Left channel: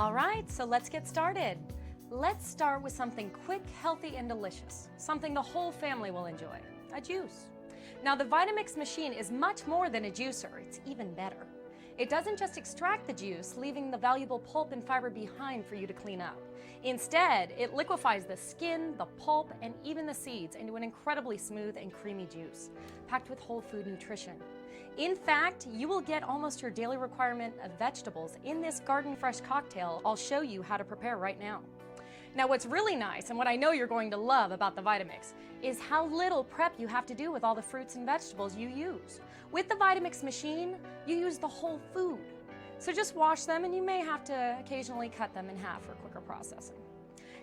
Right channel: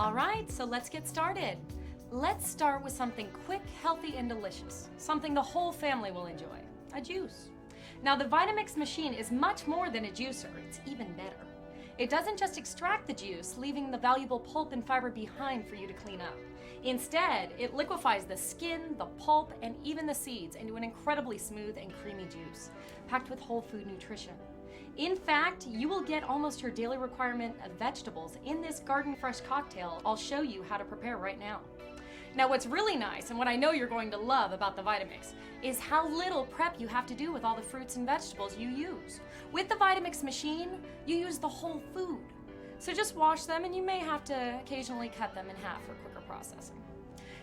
All right, so let's get started. Let's start with something quick, healthy, and delicious. Something the whole family will enjoy, a juice. Now the Vitamix machine is much more than a juicer, it's even better. It doesn't just extract the juice, leaving the valuable pulp and fiber behind for you to clean up. Instead, it liquefies the skin, the pulp, and even the seeds into an incredibly smooth and creamy juice, packed with whole food nutrition. In fact, you will get almost your daily requirement of vegetables in this garden fresh cocktail I'll show you how to prepare right now. Now what's really nice, and what I know you're going to love about the Vitamix, is how little prep you have to do with all the fruits and vegetables you use. With the Vitamix machine, you use the whole food. So just wash them, and you may have to occasionally cut them in half for quicker processing.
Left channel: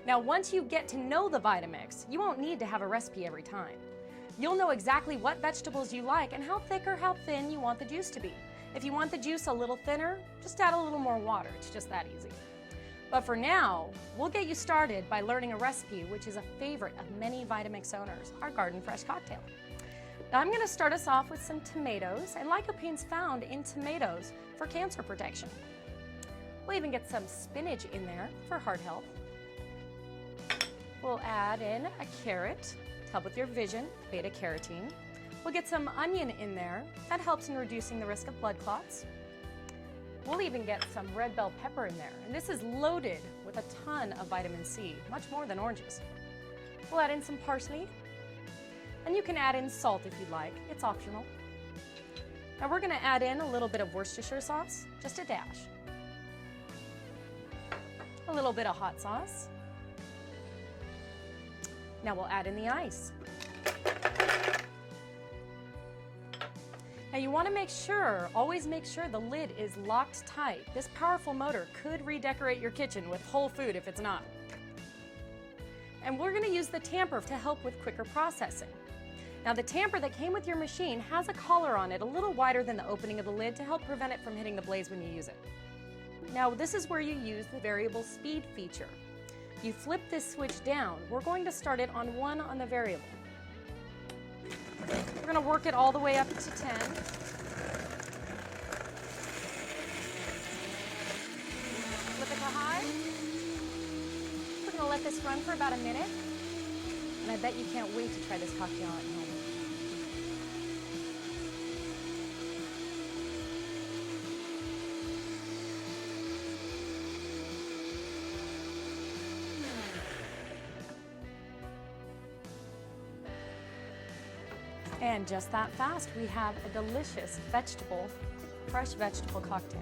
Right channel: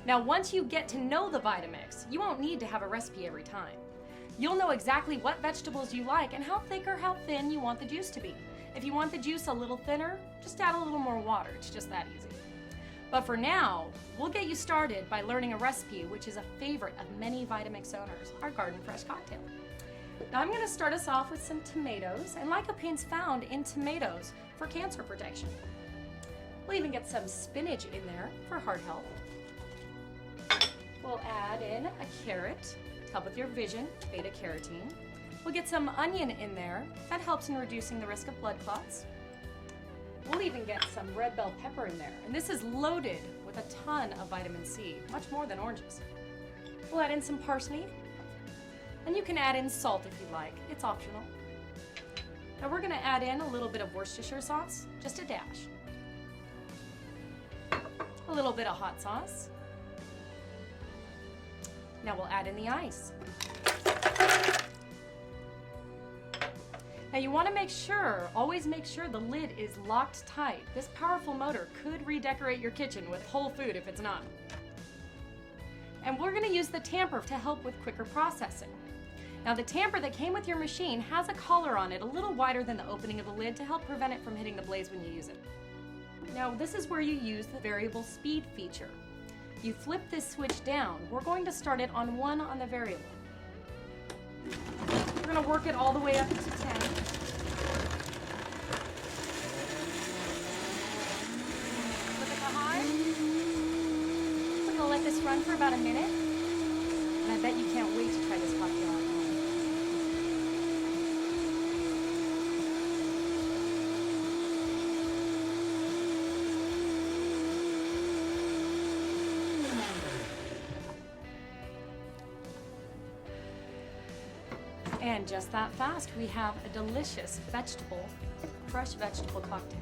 Now once you get to know the Vitamix, you won't need to have a recipe every time. You'll know exactly what vegetables you like and how thick or how thin you want the juice to be. If you want the juice a little thinner, just add a little more water. It's just that easy. But for now, we'll get you started by learning a recipe which is a favorite of many Vitamix owners, our Garden Fresh cocktail. Now I'm going to start us off with some tomatoes and lycopene's found in tomatoes for cancer protection. We'll even get some spinach in there for heart health. We'll add in a carrot to help with your vision, beta carotene. We'll get some onion in there. That helps in reducing the risk of blood clots. We'll even get some red bell pepper in there. And this is loaded with a ton of vitamin C, much more than oranges. We'll add in some parsley. And you can add in salt if you'd like. It's optional. Now we're going to add in a little bit of Worcestershire sauce, just a dash. A little bit of hot sauce. Now we'll add in the ice. Now you want to make sure, always make sure the lid is locked tight. This powerful motor could redecorate your kitchen with whole food if it's not. And we're going to use the tamper to help with quicker processing. Now the tamper that came with your machine has a collar on it a little wider than the opening of the lid to help prevent it from hitting the blaze when you use it. Now this is where you use the variable speed feature. You flip this switch down. We're going to start it on 1 on the variable. We're going to work it all the way up to 10. Flip it to high. We're going to let this run for about a minute. And I bet you can't wait to try this cocktail out. And just that fast, we have a delicious fresh vegetable cocktail.